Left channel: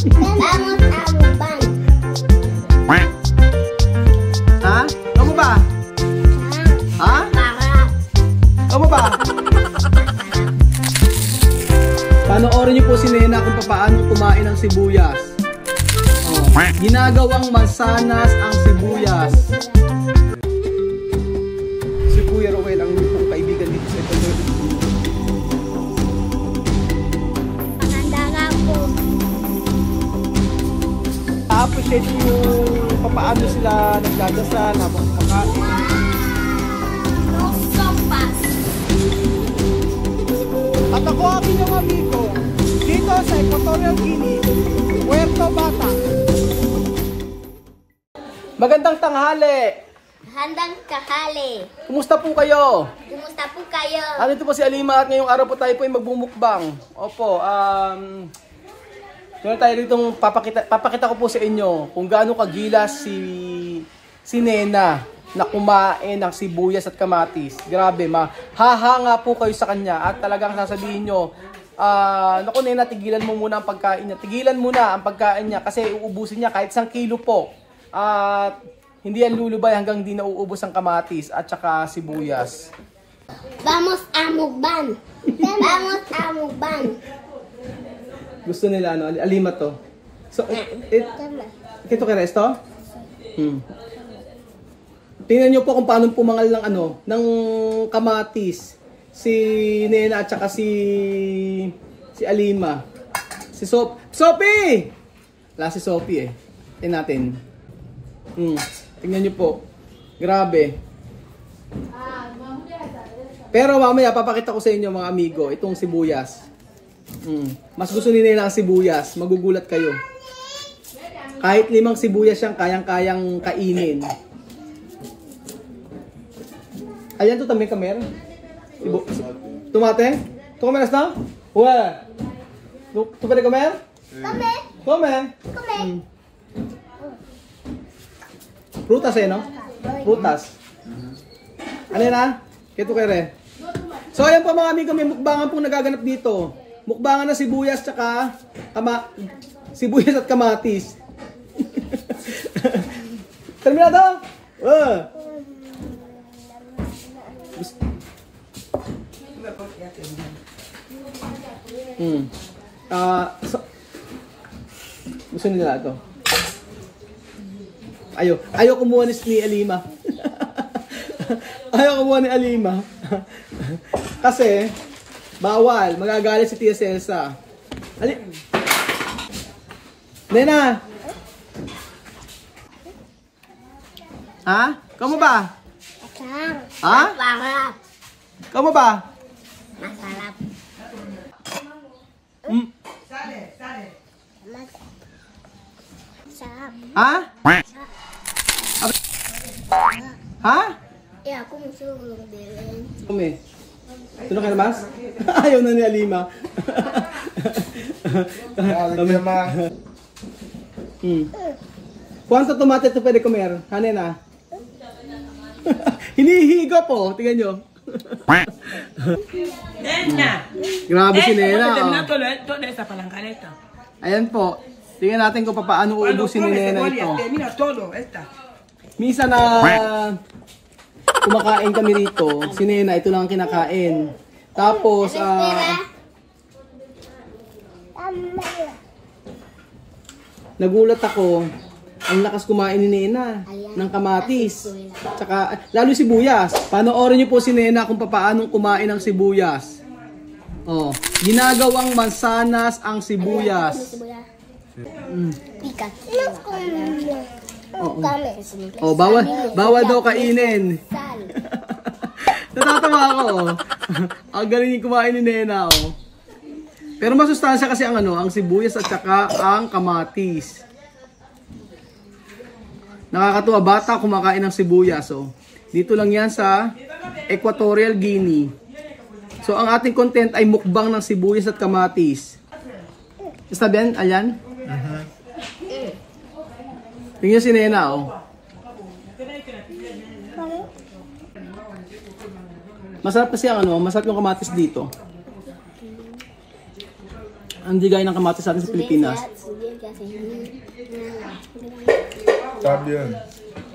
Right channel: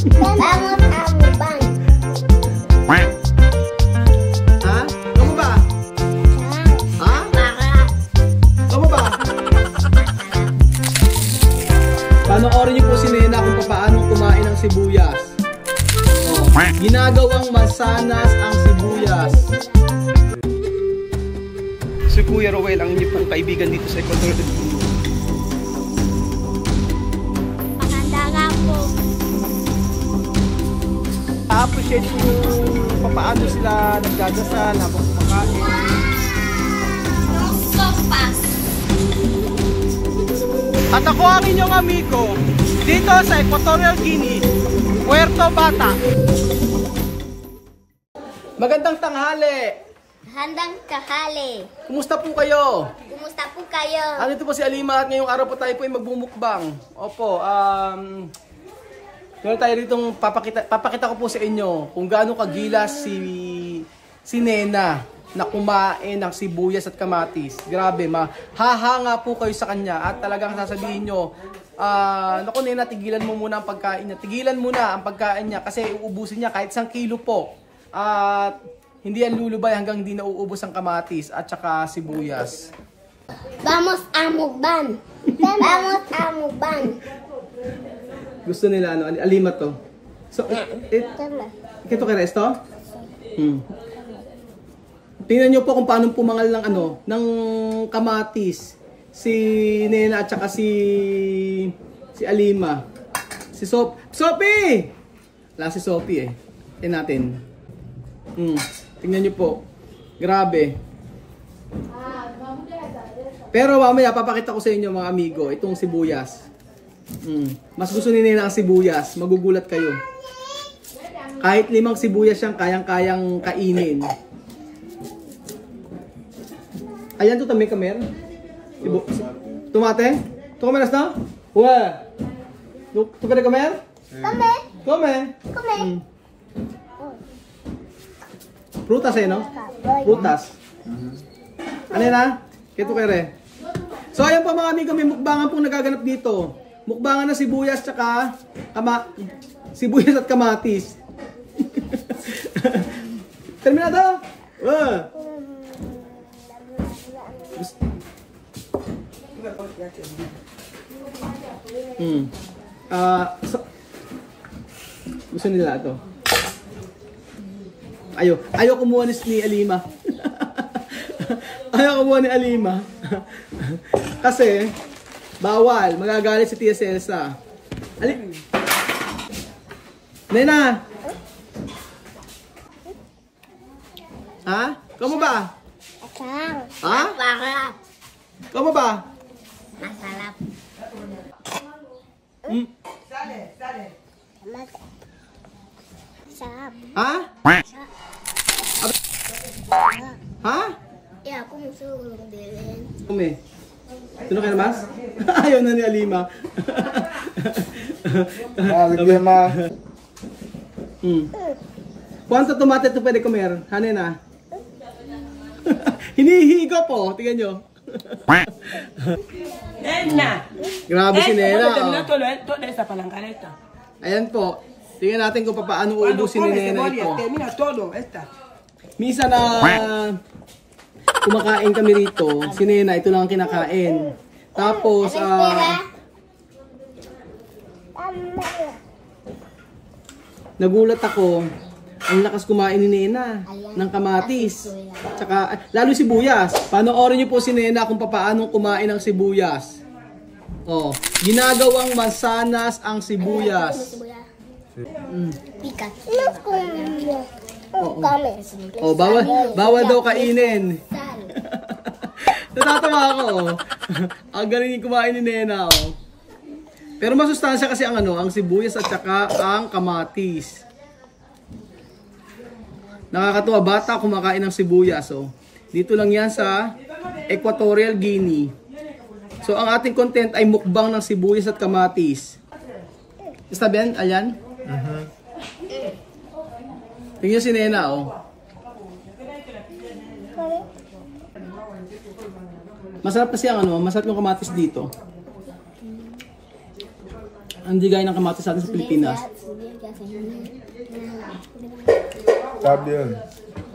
Vamos a mukbang. Ha? Kamu ba? Ha? Kamu ba? Panoorin niyo po si Nena kung paano kumain ng sibuyas. Ginagawang masanas ang sibuyas. Si Kuya Roel ang inyong pong kaibigan dito sa Ecuador. Maganda nga po. A-appreciate yung paano sila nagdadasal habang kumakain. At ako ang inyong amigo dito sa Equatorial Guinea, Puerto Bata. Magandang tanghali! Handang kahali. Kumusta po kayo? Kumusta po kayo? Andito po si Alima at ngayong araw po tayo po ay magbumukbang. Opo, ngayon tayo rito papakita ko po sa inyo kung gaano kagilas si Nena na kumain ng sibuyas at kamatis. Grabe, mahahanga po kayo sa kanya at talagang sasabihin nyo, naku Nena, tigilan mo muna ang pagkain niya. Tigilan muna ang pagkain niya kasi uubusin niya kahit 1 kilo po. At hindi yan lulubay hanggang hindi nauubos ang kamatis at saka sibuyas. Vamos a mukbang. Vamos a mukbang. Gusto nila ano, Alima to. So, ito kaya esto? Tingnan niyo po kung paano pumangal ng ano, ng kamatis si Nena at saka si Alima. Si Sophie! Wala si Sophie eh. Tingnan natin. Tingnan niyo po. Grabe. Pero mamaya papakita ko sa inyo mga amigo, itong sibuyas. Mas gusto ni Nena ang sibuyas, magugulat kayo. Kahit 5 sibuyas siyang kayang-kayang kainin. Ayan to tamay kamer. Tumate? Tu comer esto? Ué. Tu quieres comer? Come. Come. Come. Prutas eh, no? Prutas. Ano na? Ito kere. So ayan po mga amigo, may mukbangan pong nagaganap dito. Mukbangan ng sibuyas tsaka sibuyas at kamatis. Terminado? Gusto nila ito. Ayaw kumuha ni Alima. Ayaw kumuha ni Alima. Kasi bawal, magagalit si Tia Celsa. Nena. Ha? Kamu ba? Masarap. Ha? Masarap. Kamu ba? Masarap. Masarap. Ha? Ha? Ya, aku musuh bilhin. Kumi. Sino kayo mas? Ayaw na ni Alima. Alima. Quanto tomate ito pwede comer? Hanin na. Hinihigo po. Tingnan nyo. Grabe si Nena. Ayan po. Tingnan natin kung paano uubusin ni Nena ito. Misa na kumakain kami rito. Si Nena, ito lang ang kinakain. Tapos, nagulat ako. Ang lakas kumain ni Nena ng kamatis. Tsaka, lalo sibuyas. Panoorin niyo po si Nena kung paano kumain ng sibuyas. Oh, ginagawang masanas ang sibuyas. Pikat. Oh, bawal daw kainin. Natatawa ako. Ang galing kumain ni Nena. Oh. Pero masustansya kasi ang ang sibuyas at saka ang kamatis. Nakakatuwa, bata kumakain ng sibuyas. So, dito lang yan sa Equatorial Guinea. So, ang ating content ay mukbang ng sibuyas at kamatis. Basta Ben, ayan. Tingnan si Nena, oh. Masarap kasi ang masarap yung kamatis dito. Hindi gaya ng kamatis sa atin sa Pilipinas. Sabi yun.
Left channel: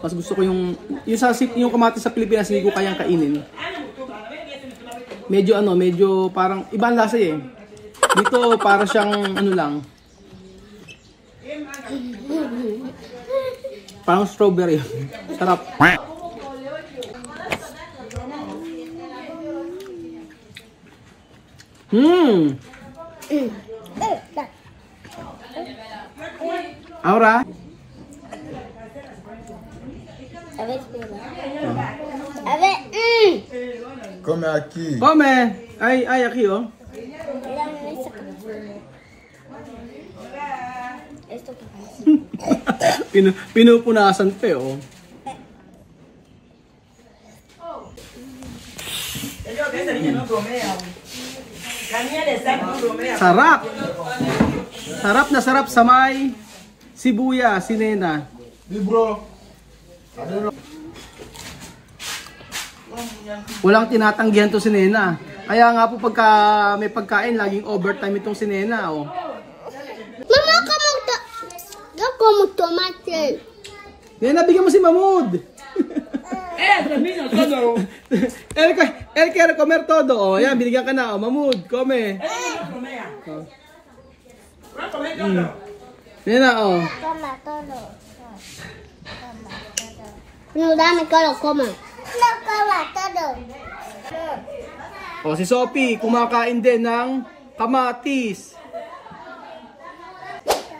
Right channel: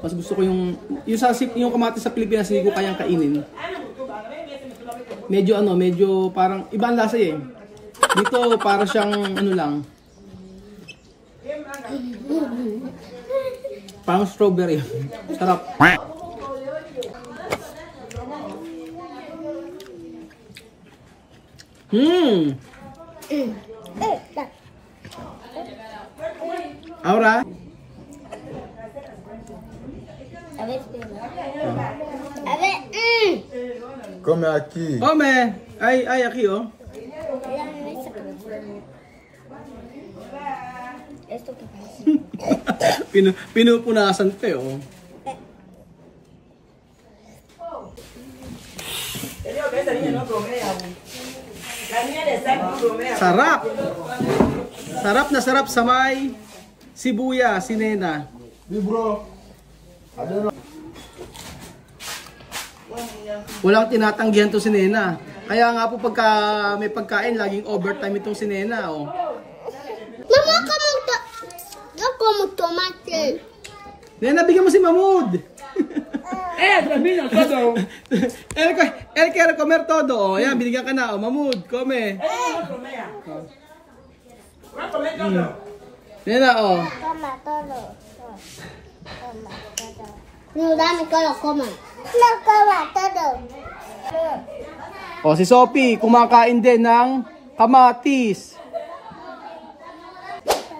Mas gusto ko yung kamatis sa Pilipinas, hindi ko kayang kainin. Medyo medyo parang ibang lasa eh. Dito para siyang ano lang. Parang strawberry. Sarap. Ahora. A ver, espera. A ver, Come aqui. Come. Ay, aquí oh. Dame esa cabeza. Esto que pasa. Pinupunasan pa eh oh. Sarap. Sarap na sarap sa may sibuyas, si Nena. Libro. Walang tinatanggihan to si Nena. Kaya nga po pagka may pagkain, laging overtime itong si Nena oh. Mama, yo como tomate. Nena, bigyan mo si Mahmoud. Termina todo. Él quiere comer todo. Oh, yan, binigyan ka na. Oh, Mahmoud, come. Nena, oh. Toma todo. Toma todo. No, dame que lo coma. No coma todo. Oh, si Sophie, kumakain din ng kamatis.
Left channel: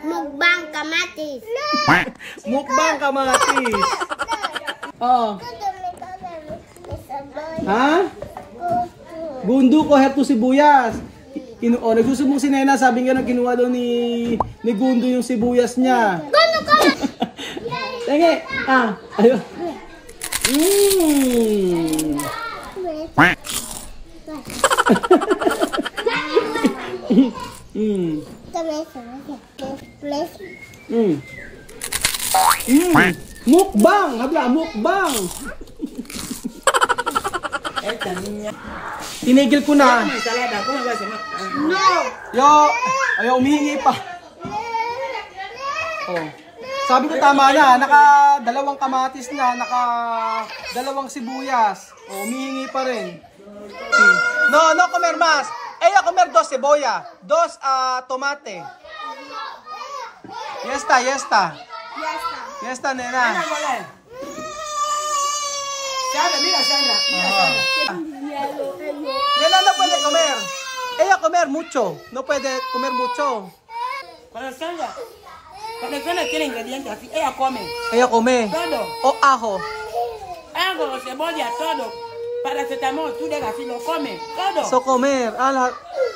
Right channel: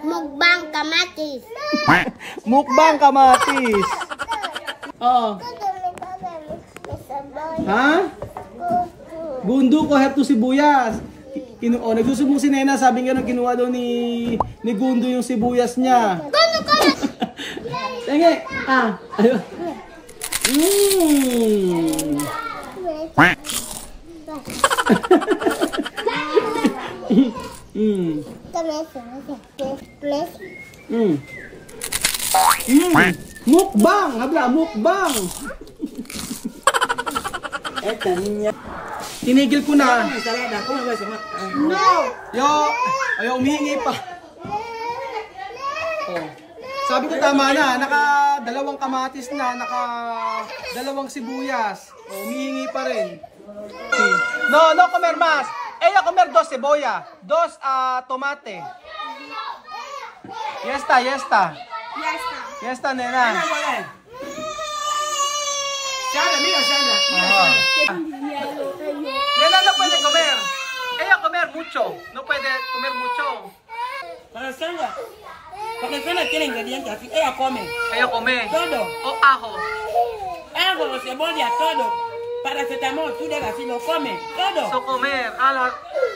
Mukbang kamatis. Mukbang kamatis. Oh. Ha? Bundo ko herto sibuyas. Nagsusumbong si Nena, sabi nga nang kinuha doon ni Gundo yung sibuyas niya. Tenge. Ayun. Mukbang, habla, mukbang. Tinigil ko na. Ayaw umihingi pa. Oh. Sabi ko tama na, naka-dalawang kamatis na, naka-dalawang sibuyas. Oh, umihingi pa rin. No comer más. Ella comer 2 cebolla, 2 tomate. Ya está, nena. Nena no puede comer. Ella comer mucho, no puede comer mucho. Para Sandra tiene ingredientes así. Ella come. Ella come. Todo. O ajo. Ajo, cebolla, todo. Paracetamol, tú de así lo come. Todo. So comer.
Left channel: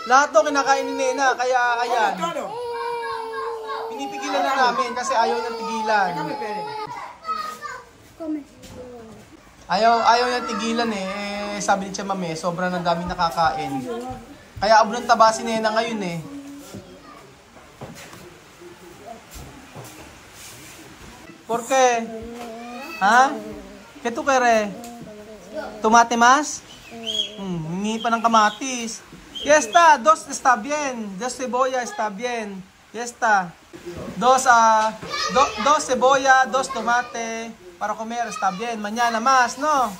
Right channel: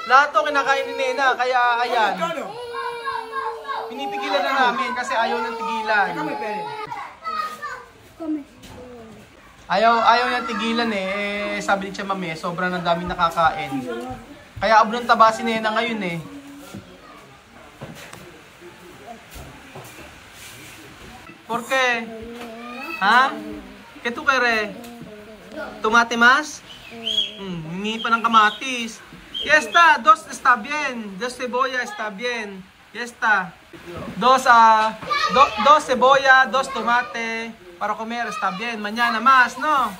Lahat to kinakain ni Nena, kaya ayan. Todo. Pinipigilan na namin kasi ayaw nang tigilan. Ayaw nang tigilan eh. Sabi ni Tia Mami, sobrang na daming nakakain. Kaya abulong taba si Nena ngayon eh. ¿Por qué? ¿Ha? ¿Qué tú quieres? ¿Tomate más? Hingi pa ng kamatis. Ya está, 2 está bien. 2 cebolla está bien. Ya está. 2 cebolla, 2 tomate para comer está bien. Mañana más, ¿no?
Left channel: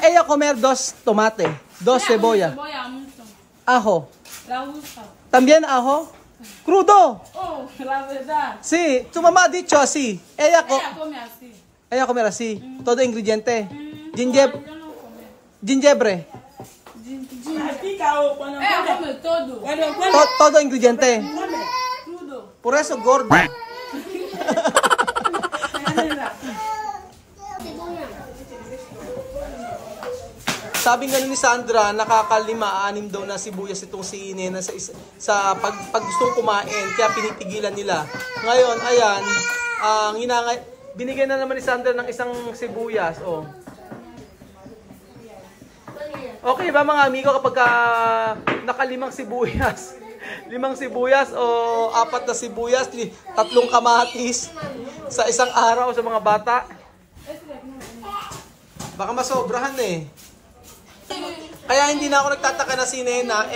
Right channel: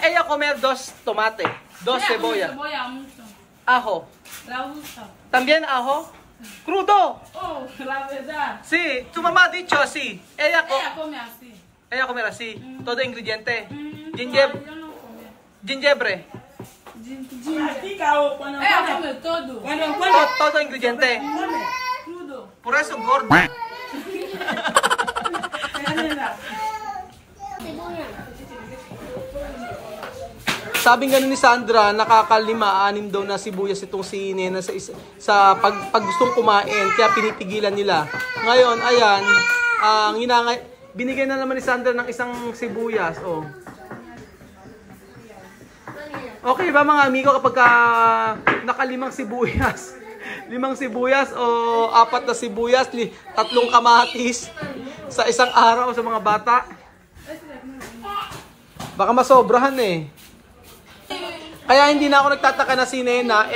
Ella comer 2 tomate, 2 cebolla. Cebolla mucho. Ajo. La usa. ¿También ajo? Crudo. Oh, la verdad. Sí, tu mamá ha dicho así. Ella come así. Ella comer así. Todo ingrediente. Gingebre. Yo no come. Gingebre. Ella come todo. Todo ingrediente. Crudo. Por eso gordo. Sabi nga ni Sandra, nakaka5-6 daw na sibuyas itong si Nena sa pag gustong kumain, kaya pinipigilan nila. Ngayon, ayan, binigyan na naman ni Sandra ng isang sibuyas. Oh. Okay ba mga amigo kapag naka5 sibuyas? 5 sibuyas o 4 na sibuyas, 3 kamatis sa isang araw sa mga bata? Baka masobrahan eh. Kaya hindi na ako nagtataka na si Nena,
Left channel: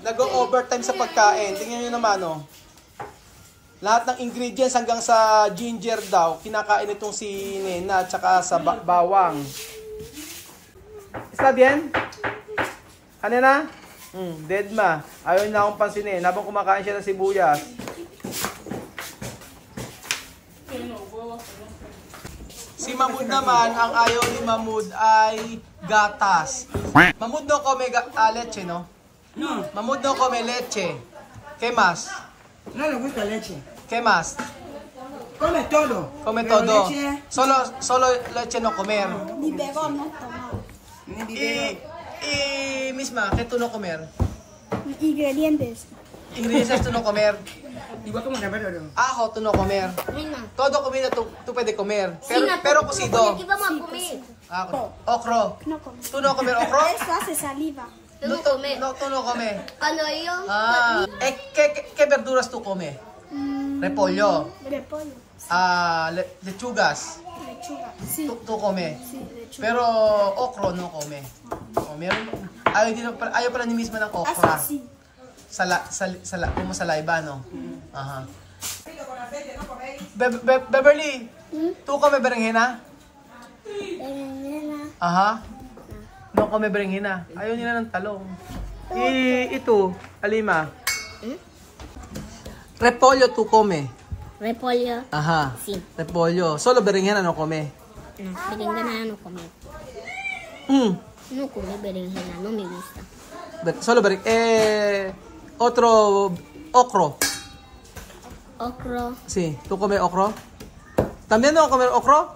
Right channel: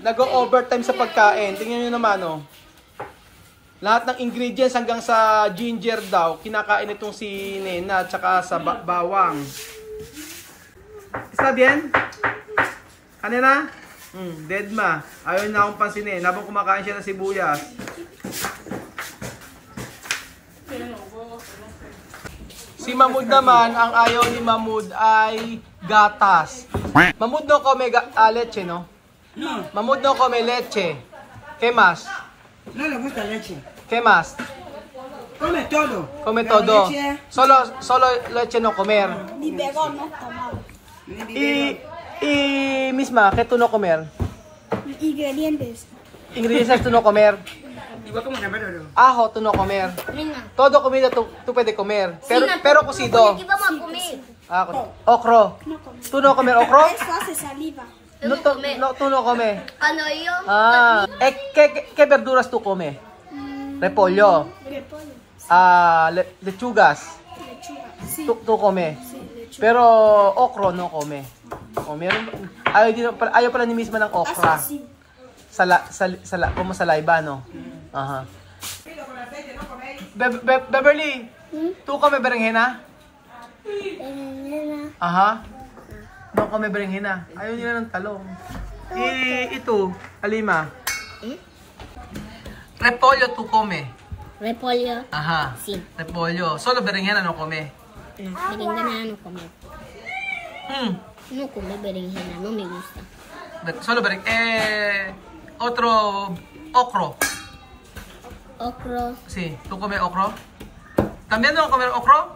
nag-overtime sa pagkain. Tingnan nyo naman, oh. Lahat ng ingredients hanggang sa ginger daw, kinakain itong si Nena at saka sa bawang. Está bien? Ano na? Dead ma. Ayaw na akong pansinin habang kumakain siya ng sibuyas. Si Mahmoud naman, ang ayaw ni Mahmoud ay gatas. Mahmoud no come leche, no? Mahmoud no come leche. ¿Qué más? No le gusta leche. ¿Qué más? Come todo. Come Pero todo. leche, Solo leche no comer. Ni bego no tomar. Y misma, ¿qué tú no comer? Ingredientes. Ingredientes tú no comer. igual como rapero. Ajo tú no comer. Venga. Todo comida tú puedes comer. Pero cocido. Okro. No come. ¿Tú no comer okro? Eso hace saliva. No, tú no comes. Cuando yo ¿Qué verduras tú comes? Repollo. repollo, Lechugas. lechuga. Sí. Tú comes. Sí, lechuga. Pero okro no come. O meron ayaw pala ni misma ng okra. Así. Como saliva, no? Ajá. Beverly, ¿tú comes berenjena? Berenjena. Ajá. No come berenjena. Ayaw nila ng talong. Ito, Alima. Repollo tú come. Repollo. Ajá. Sí. Repollo. Solo berenjena no come. No, berenjena no come. No come berenjena, no me gusta. Solo otro okro. Okro. Sí, ¿tú comes okro? ¿También no comer okro?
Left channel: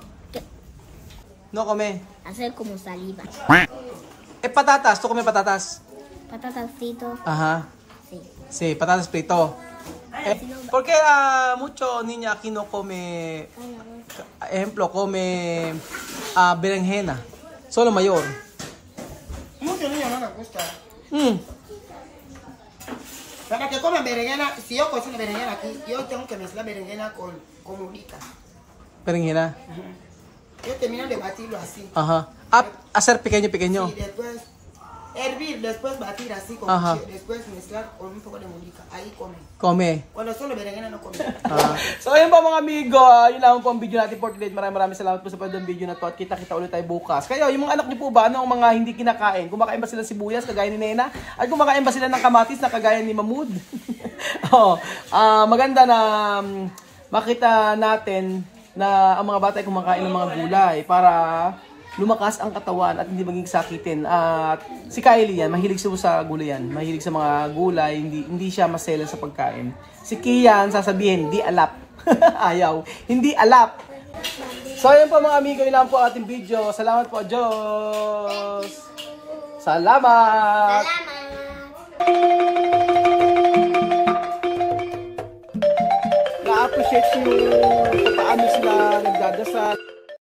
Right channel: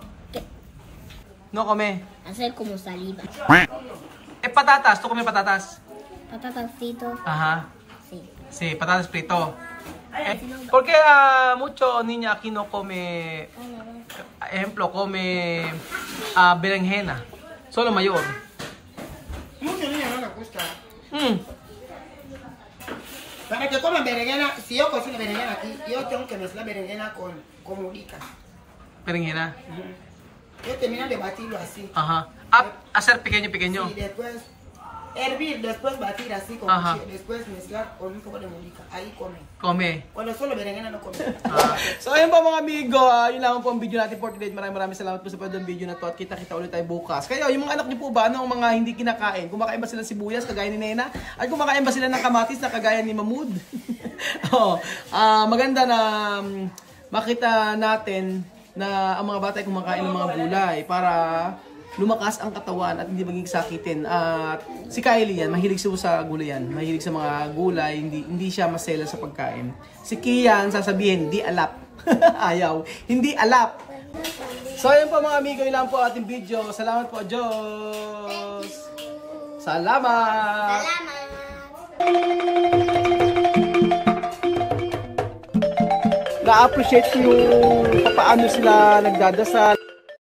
No come. Hacer como saliva. Patatas, ¿tú comes patatas? Patatas fritos. Ajá. Sí. Sí, patatas frito. ¿Por qué mucho niña aquí no come, ejemplo, come berenjena? Solo mayor. Muchos niños no les gusta. Para que coman berenjena, si yo cocino berenjena aquí, yo tengo que mezclar berenjena con ubica. Berenjena. Yo termino de batirlo así. Ajá. Hacer pequeño. Y después hervir, después batir así con Ajá. cuchillo, después mezclar con un poco de ubica. Ahí come. Come. Cuando solo berenjena no come. So ayun po mga amigo, yun lang po ang video natin for today. Maraming salamat po sa panood ng video na to at kita-kita ulit tayo bukas. Kayo, yung mga anak niyo po ba, ano ang mga hindi kinakain? Kumakain ba sila ng sibuyas kagaya ni Nena? At kumakain ba sila ng kamatis na kagaya ni Mahmoud? Maganda na makita natin na ang mga bata ay kumakain ng mga gulay para lumakas ang katawan at hindi maging sakitin. At si Kylie yan, mahilig siya sa gulay yan. Mahilig sa mga gulay, hindi siya masela sa pagkain. Si Kian, sasabihin, di alap. Ayaw, hindi alap. So ayun po mga amigo, ilan po ating video. Salamat po, Diyos. Salamat. Na-appreciate ko yung paano sila nagdadasal.